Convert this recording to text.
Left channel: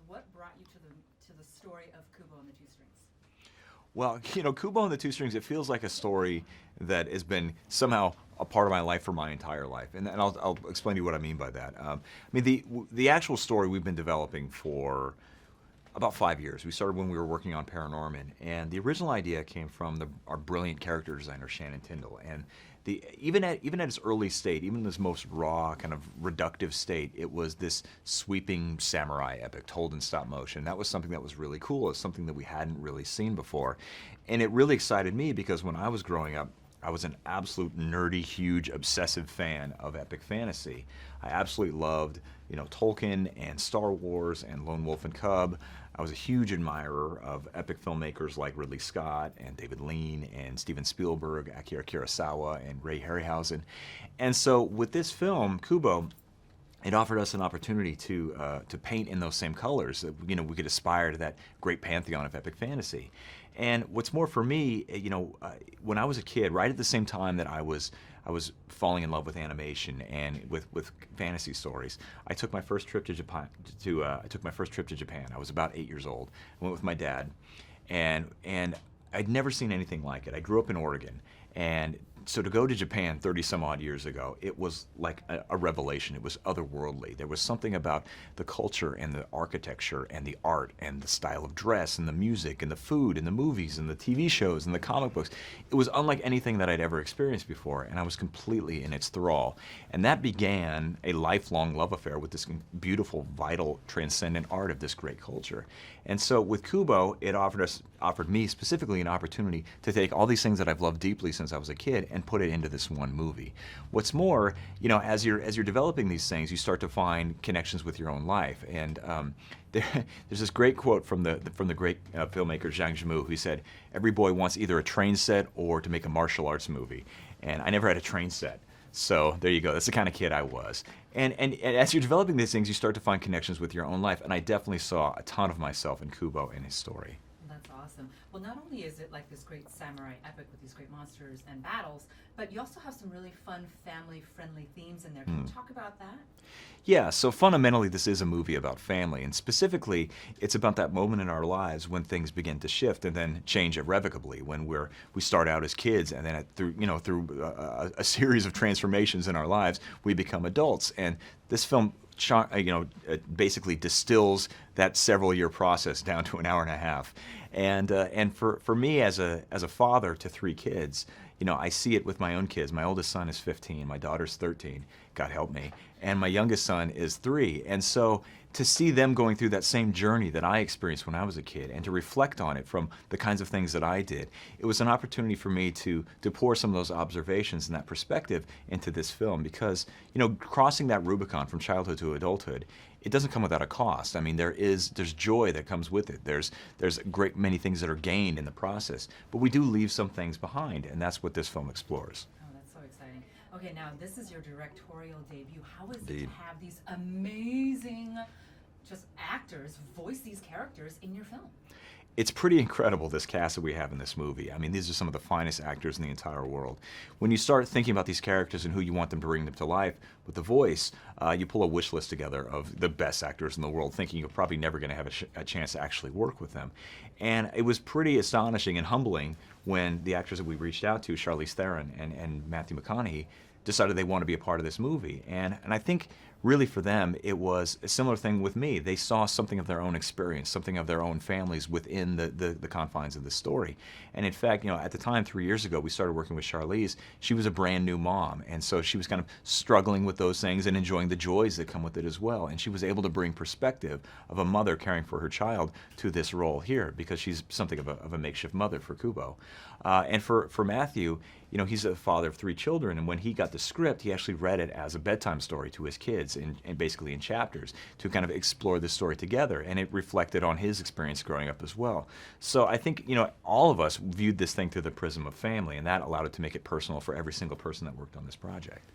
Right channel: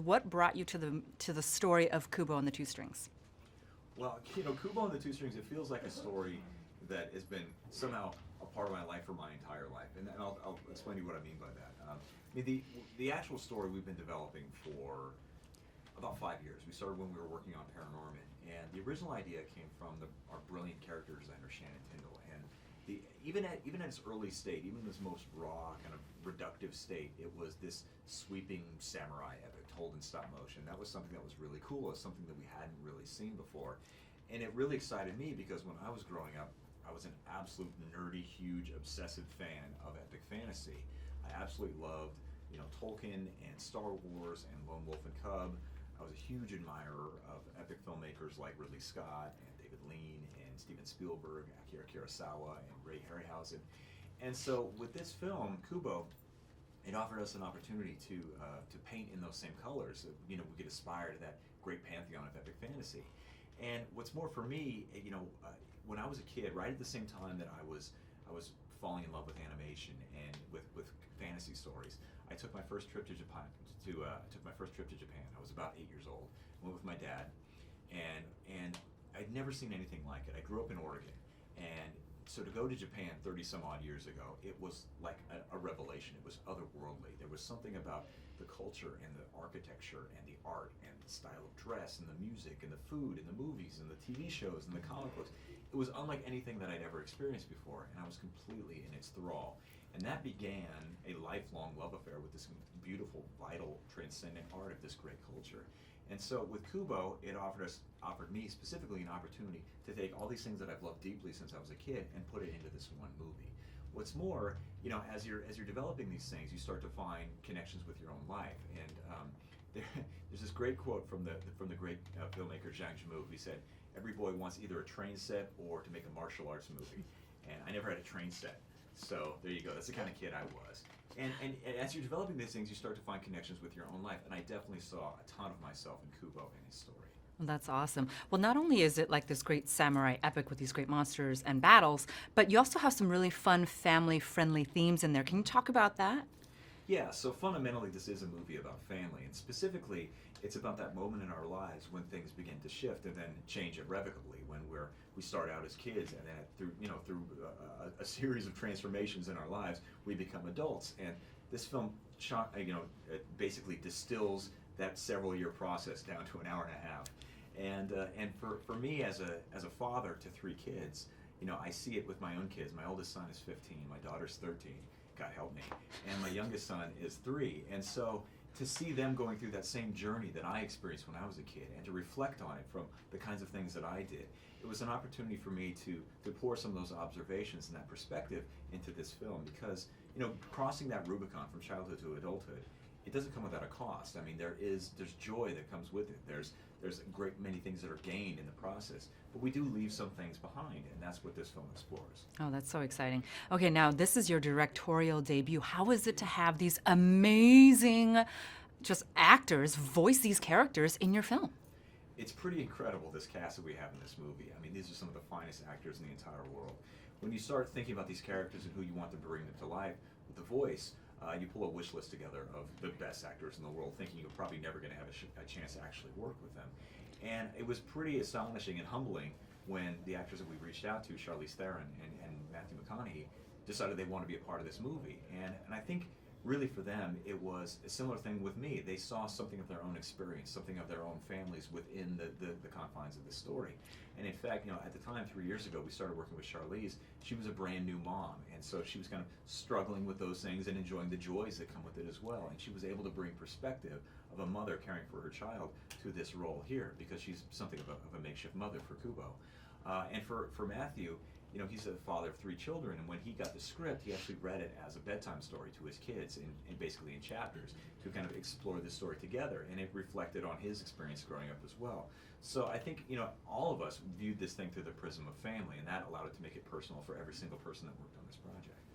What brought you to the story of Kubo and the Two Strings? Well, Kubo and the Two Strings, it feels like a story that has been somehow a part of my life for my entire life. And I'll explain to you what I mean by that. The actual story we've been developing for about 5 years. We started when we were working on Paranorman, and the original idea came from our brilliant character designer, Shannon Tyndall. And even at its early state, even this most raw, kind of reductive state, it was this sweeping samurai epic told in stop motion. That was something that was really cool. It was something that we hadn't really seen before. And it really excited me because when I was growing up, I was an absolute nerdy, huge, obsessive fan of epic fantasy. I absolutely loved, Tolkien and Star Wars and Lone Wolf and Cub. I was a huge admirer of epic filmmakers like Ridley Scott and David Lean and Steven Spielberg, Akira Kurosawa and Ray Harryhausen. And so with this film, Kubo, it offered us an opportunity to paint in those same colors. We could aspire to that great pantheon of epic fantasy. And what's more for me, when I was a kid, right at the same time that I was falling in love with animation and with fantasy stories, I took my first trip to Japan. I was about 8 years old. I went with my dad, and I'd never seen anything like it. I grew up in Oregon, and so to go to Japan 30 some odd years ago, it was like a revelation. It was otherworldly. There was something about the culture and the architecture and the art and the style of dress and the music and the food and the movies and the TV shows and the comic books. It was unlike anything that I'd ever experienced before, and I was completely in its thrall. And that began a lifelong love affair with this beautiful, vital, transcendent art of this great culture. And so with Kubo, it offered me specifically an opportunity to take all these things that I've loved deeply since I was a kid and put it into this one movie. What's more, as you're developing these things, you start to find connections with your own life. And there's this great quote from the great filmmaker Zhang Yimou, who said, "Every boy wants either a train set or to make a martial arts movie." And I never had a train set. So there you go. That's the kind of kid I was. And as you're developing these things, you start to find connections with your own life. And I definitely saw a ton of myself in Kubo and his story. Well, that's awesome. Well, not only is it like this great samurai epic with these great monsters and battles, but you also have some really fun family-friendly themes in there. Can you talk about that? Yeah, so fundamentally this is a movie about family, and specifically it's about that moment in our lives when things begin to shift and then change irrevocably, when we start out as kids and then through a series of transformations in our lives we become adults. And this film basically distills that several-year process down to an hour and a half. And for me as a father to 3 kids, I see it with my own kids. My oldest son is 15, my daughter's 13, God help me, and my youngest son is 3. And so to see them going through that same journey that I experienced when I was a kid and to reflect on it from the kinds of things that I did, it was an opportunity for me to pour some of those observations and that perspective into this film, because crossing that Rubicon from childhood to adulthood, it doesn't come without a cost. I mean, there's joy that comes with it. There's a great many things that are gained in the process, but we do leave some things behind, and that's what this film explores. Oh, that's so exciting. Okay, now this is your directorial debut. How is it to have these amazing just actors voice these characters in your film? It's pretty incredible, this cast that we have in this movie. I mean, these are some of the finest actors in the entire world. When you start thinking about these characters and who you want them to bring them to life with the voice, you pull a wish list together of the best actors in the world, thinking you're probably never going to have a chance to actually work with them. And it was pretty astonishing and humbling when the actors that we reached out to, Charlize Theron and Matthew McConaughey, decided they want to be a part of this movie. And I think really for them, it was a similar thing with me. They saw something of their own experience, something of their own families within the confines of the story. And in fact, at the time, 3 years ago, we started working with Charlize. She was a brand new mom, and so she was kind of struggling with those things and enjoying the joys that come with it as well. And she was able to bring perspective of a mother caring for her child to this role here, because she's something of a makeshift mother for Kubo. And for Matthew, he's a father of 3 children, and when he got the script, he actually read it as a bedtime story to his kids, and basically in chapters, to kind of explore this story together, and it reflected on his experience growing up as well. So I think, all of us viewed this thing through the prism of family, and that allowed it to make it personal for every single person that worked on this project.